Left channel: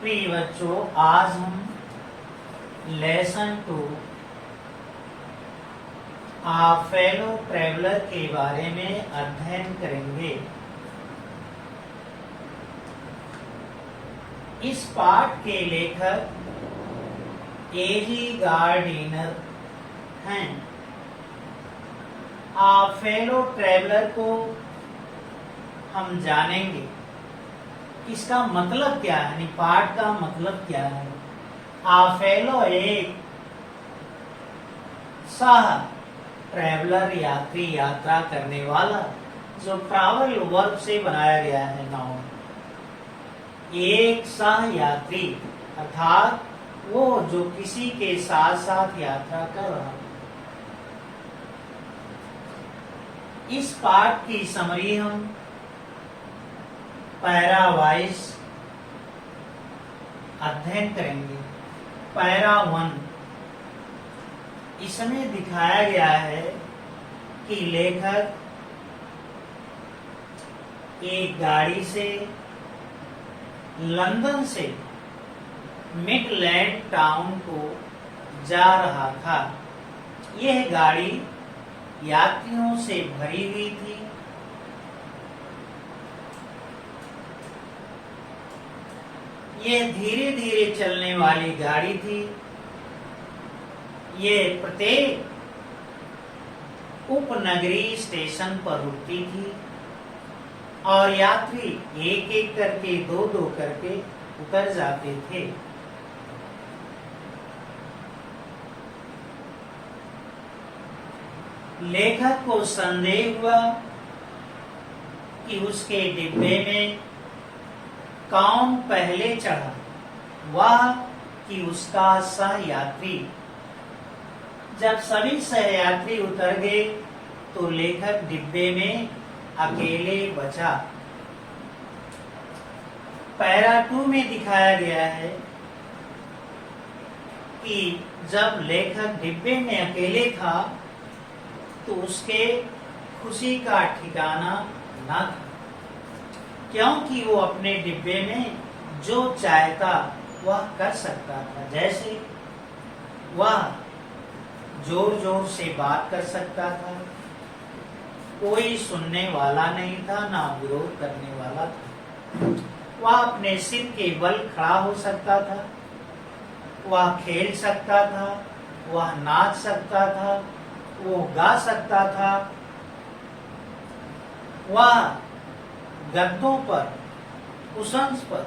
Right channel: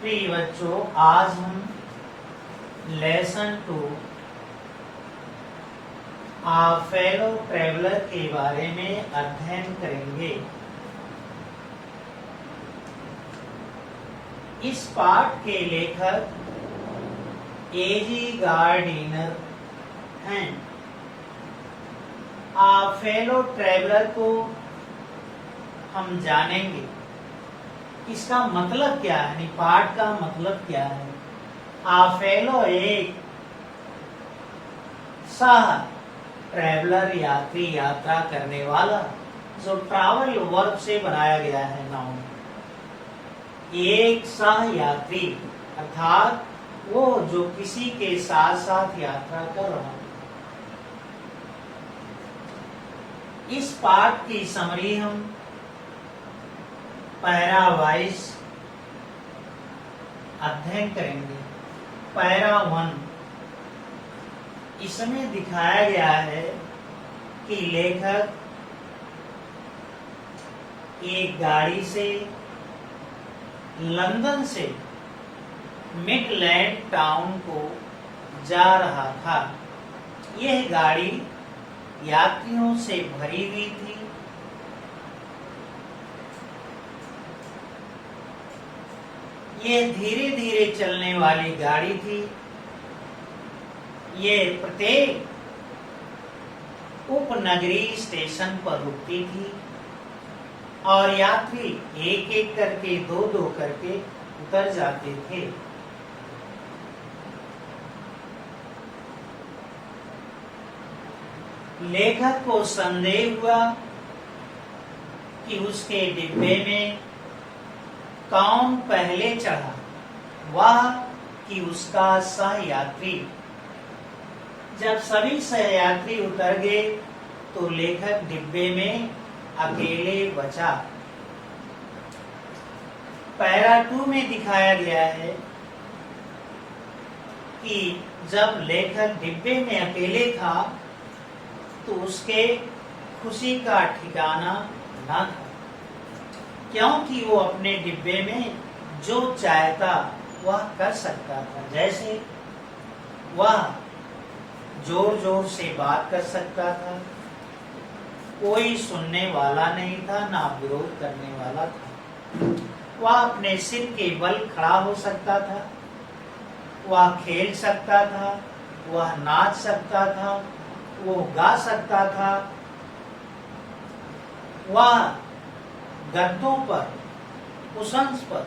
प्रिय बच्चों, आज हम लेसन 2 फेलो ट्रेवलर के बारे में अध्ययन करेंगे। इस पाठ के लेखक एजी गार्डिनर हैं। फेलो ट्रेवलर को हम जानेंगे, इसका मतलब क्या है, पाठ का मतलब क्या है। फेलो एक सह ट्रैवलर यात्री, यात्रा करने वाला, जो ट्रैवल वर्ब से बनाया गया है नाउन। एक सह यात्री अर्थात वो जो किसी के साथ साथ यात्रा कर रहा है। इस पाठ की समरी हम पैरा वाइज अध्ययन करेंगे। पैरा 1, इसमें दिखाया गया है कि लेखक एक गाड़ी से लंदन से मिडलैंड टाउन को जा रहा था। यह गाड़ी यात्रियों से भरी हुई थी। यह धीरे धीरे चलने वाली गाड़ी थी। ये प्रत्येक उपनगरीय स्टेशन पर रुकती थी और यात्री एक एक करके, दो दो करके उतर जाते थे। लेखक को संदेह हुआ कि उसके डिब्बे में कौन पहले चढ़ा, वह कि उसका सहयात्री। जब सभी सहयात्री उतर गए तो लेखक डिब्बे में अकेले बचा। पैरा 2 में दिखाया गया है कि जब लेखक डिब्बे में अकेले था तो उसके खुशी का ठिकाना न था, क्योंकि वो अपने डिब्बे में जो चाहता वह कर सकता था। जैसे वह जोर जोर से बात कर सकता था, कोई सुनने वाला नहीं था, ना विरोध करने वाला था। वह अपने सिर के बल खड़ा हो सकता था, वह खेल सकता था, वह नाच सकता था, वो गा सकता था, वह गद्दों पर, कुशंस पर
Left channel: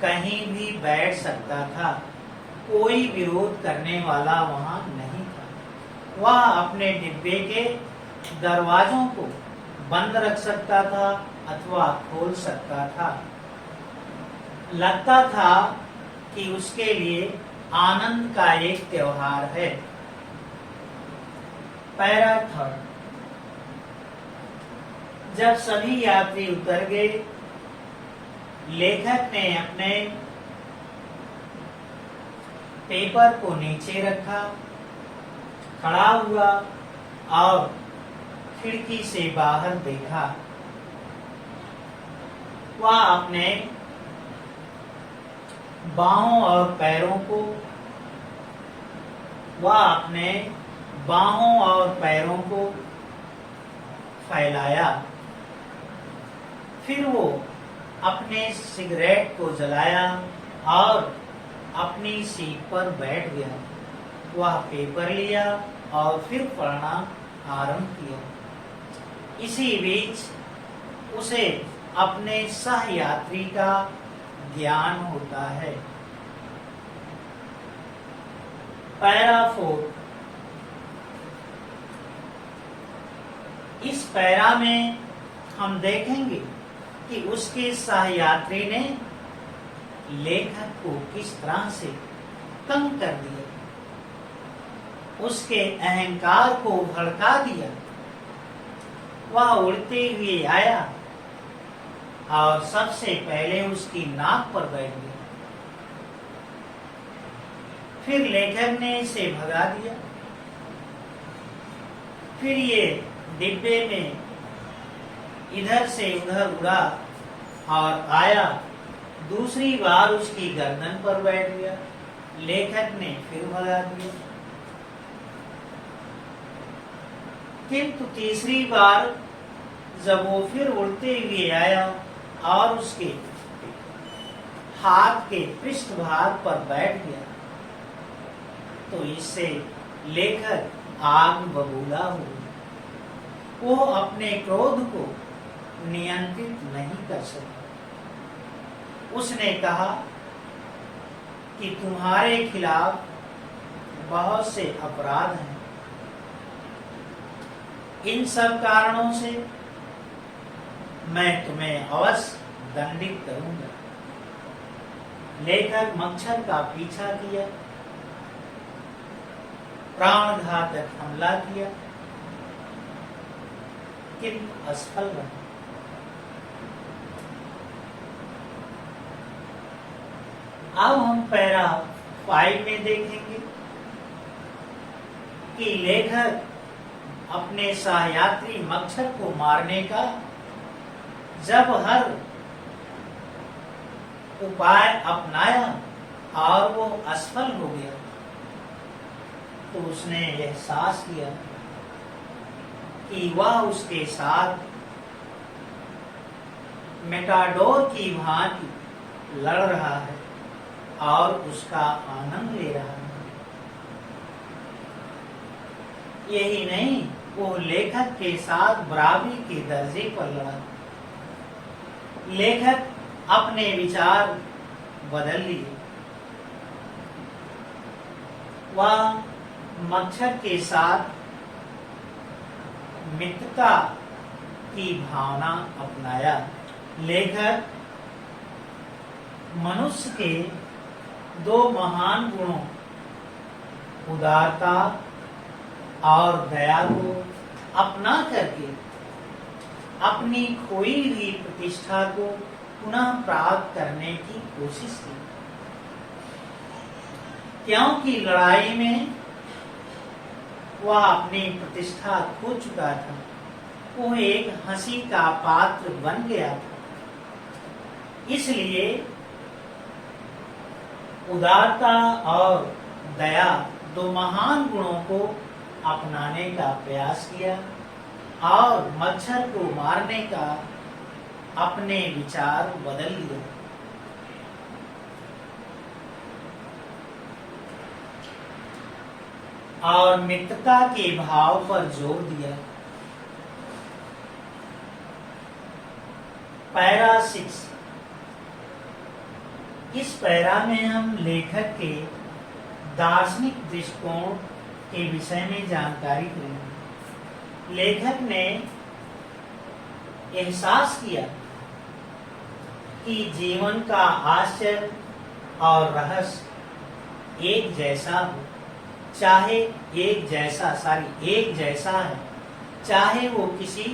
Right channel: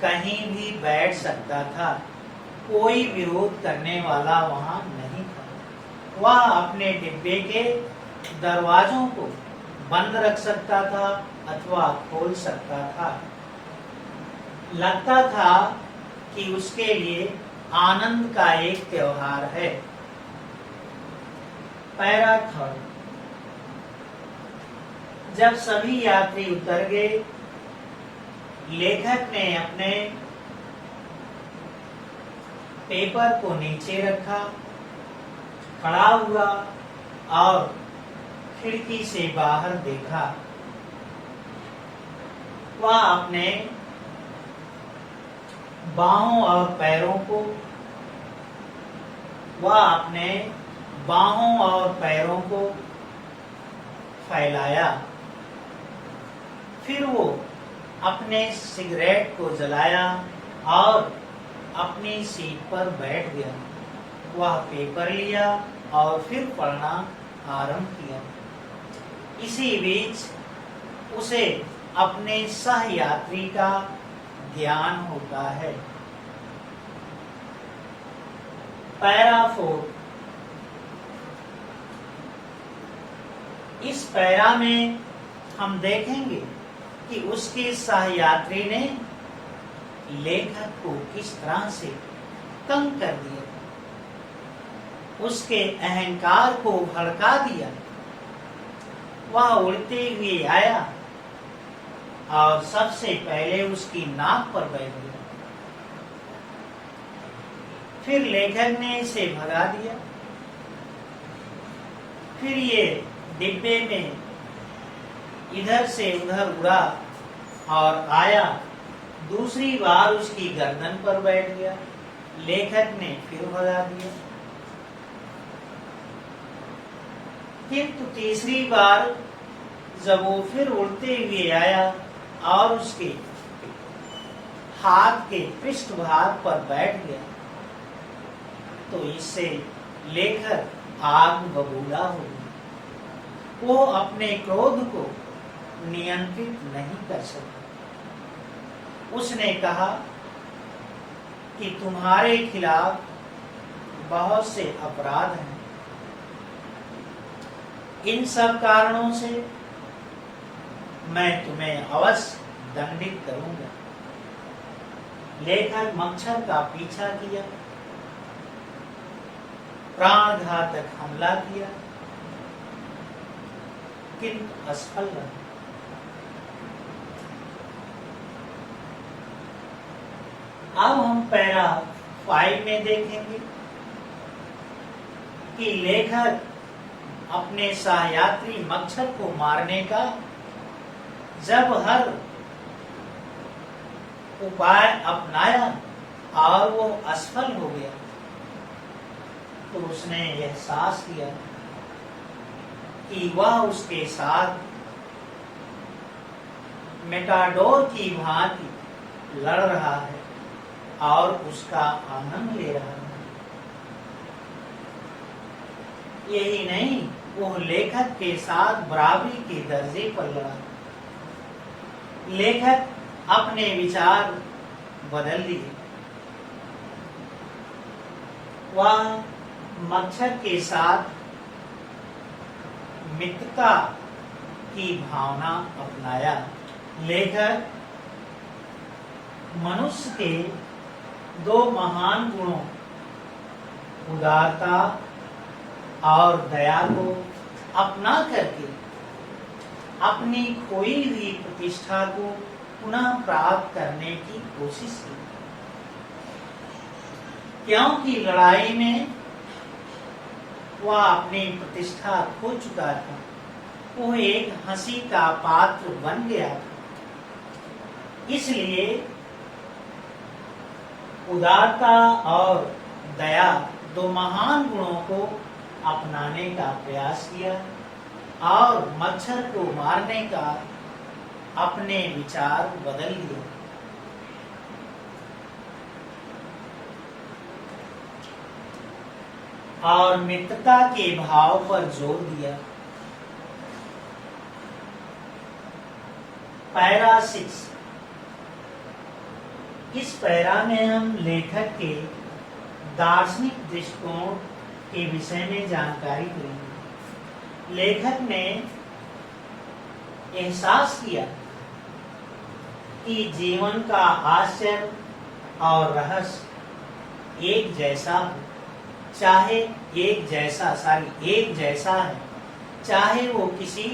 कहीं भी बैठ सकता था। कोई विरोध करने वाला वहां नहीं था। वह अपने डिब्बे के दरवाजों को बंद रख सकता था अथवा खोल सकता था। लगता था कि उसके लिए आनंद का एक त्योहार है। पैरा 3, जब सभी यात्री उतर गए, लेखक ने अपने पेपर को नीचे रखा, खड़ा हुआ और खिड़की से बाहर देखा। वह अपने बाहों और पैरों को फैलाया। फिर वो अपने सिगरेट को जलाया और अपनी सीट पर बैठ गया। वह पेपर लिया और फिर पढ़ना आरंभ किया। इसी बीच उसे अपने सहयात्री का ध्यान होता है। पैरा 4, इस पैरा में हम देखेंगे कि उसके सहयात्री ने लेखक को किस तरह से तंग कर दिया, उसके अहंकार को भड़का दिया। वह उड़ते हुए आया और सबसे पहले उसकी नाक पर बैठ गया। फिर लेखक ने इसे भगा दिया। फिर ये डिब्बे में इधर से उधर उड़ा और आया दूसरी बार उसकी गर्दन पर बैठ गया। लेखक ने फिर भगा दिया। किंतु तीसरी बार जब वो फिर उड़ते हुए आया और उसके हाथ के पृष्ठभाग पर बैठ गया, तो इससे लेखक आग बबूला हो गया। वो अपने क्रोध को नियंत्रित नहीं कर सका। उसने कहा कि तुम्हारे खिलाफ बहुत से अपराध हैं। इन सब कारणों से मैं तुम्हें अवश्य दंडित करूंगा। लेखक मच्छर का पीछा किया, प्राणघातक हमला किया, किंतु असफल रहा। अब हम पैरा 5 में देखेंगे कि लेखक अपने सहयात्री मच्छर को मारने का जब हर उपाय अपनाया और वो असफल हो गया, तो उसने एहसास किया कि वह उसके साथ मेटाडोर की भांति लड़ रहा है और उसका आनंद ले रहा है। यही नहीं, वो लेखक के साथ बराबरी के दर्जे पर लड़ा। लेखक अपने विचार बदल लिए। वह मच्छर के साथ मित्रता की भावना अपनाया। लेखक मनुष्य के 2 महान गुणों, उदारता और दया को अपना करके अपनी खोई हुई प्रतिष्ठा को पुनः प्राप्त करने की कोशिश की। क्योंकि लड़ाई में वह अपनी प्रतिष्ठा खो चुका था। वो एक हंसी का पात्र बन गया था। इसलिए उदारता और दया 2 महान गुणों को अपनाने का प्रयास किया और मच्छर को मारने का अपने विचार बदल लिए। और मित्रता के भाव पर जोर दिया। पैरा 6। इस पैरा में हम लेखक के दार्शनिक दृष्टिकोण के विषय में जानकारी लेंगे। लेखक ने एहसास किया कि जीवन का आश्चर्य और रहस्य एक जैसा हो, चाहे एक जैसा है, चाहे वो किसी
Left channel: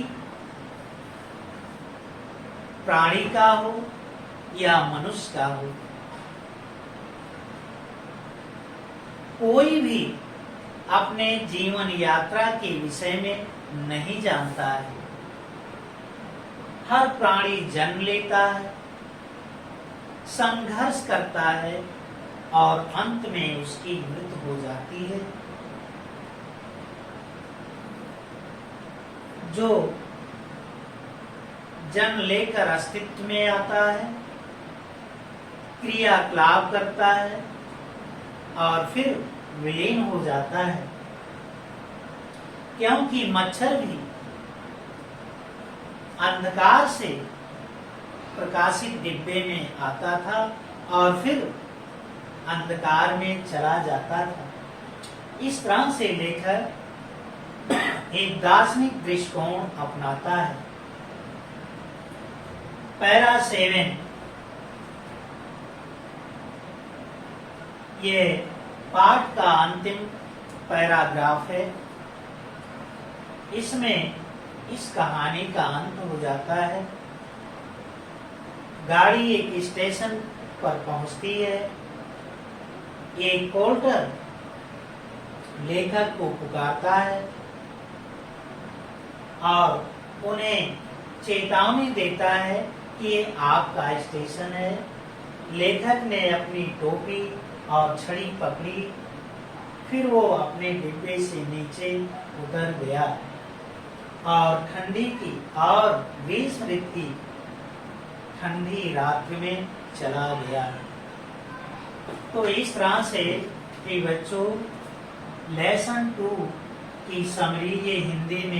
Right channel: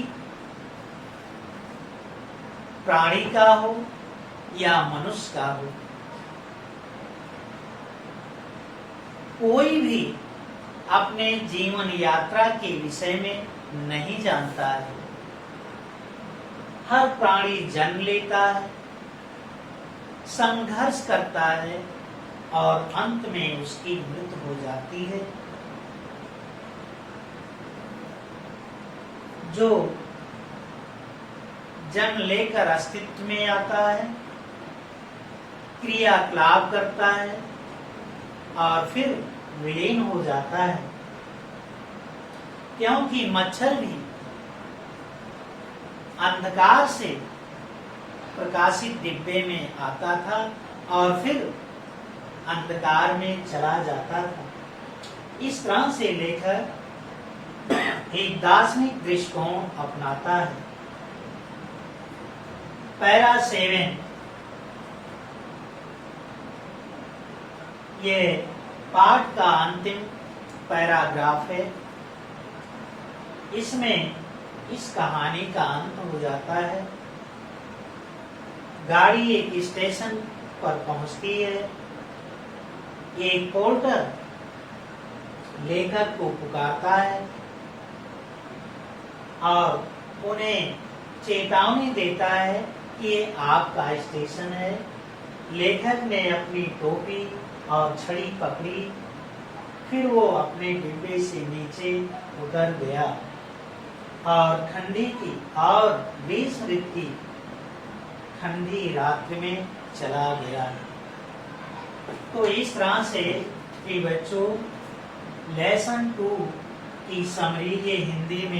प्राणी का हो या मनुष्य का हो। कोई भी अपने जीवन यात्रा के विषय में नहीं जानता है। हर प्राणी जन्म लेता है, संघर्ष करता है और अंत में उसकी मृत्यु हो जाती है। जो जन्म लेकर अस्तित्व में आता है, क्रियाकलाप करता है और फिर विलीन हो जाता है। क्योंकि मच्छर भी अंधकार से प्रकाशित डिब्बे में आता था और फिर अंधकार में चला जाता था। इस तरह से लेखक एक दार्शनिक दृष्टिकोण अपनाता है। पैरा 7 ये पाठ का अंतिम पैराग्राफ है। इसमें इस कहानी का अंत हो जाता है। गाड़ी एक स्टेशन पर पहुंचती है। एक पोर्टर लेखक को पुकारता है और उन्हें चेतावनी देता है कि ये आपका स्टेशन है लेखक ने अपनी टोपी और छड़ी पकड़ी, फिर वो अपने डिब्बे से नीचे उतर गया और ठंडी की और ग्रीष्म ऋतु की ठंडी रात में चला गया। तो इस तरह से कि बच्चों लेसन 2 की समरी ये हिंदी में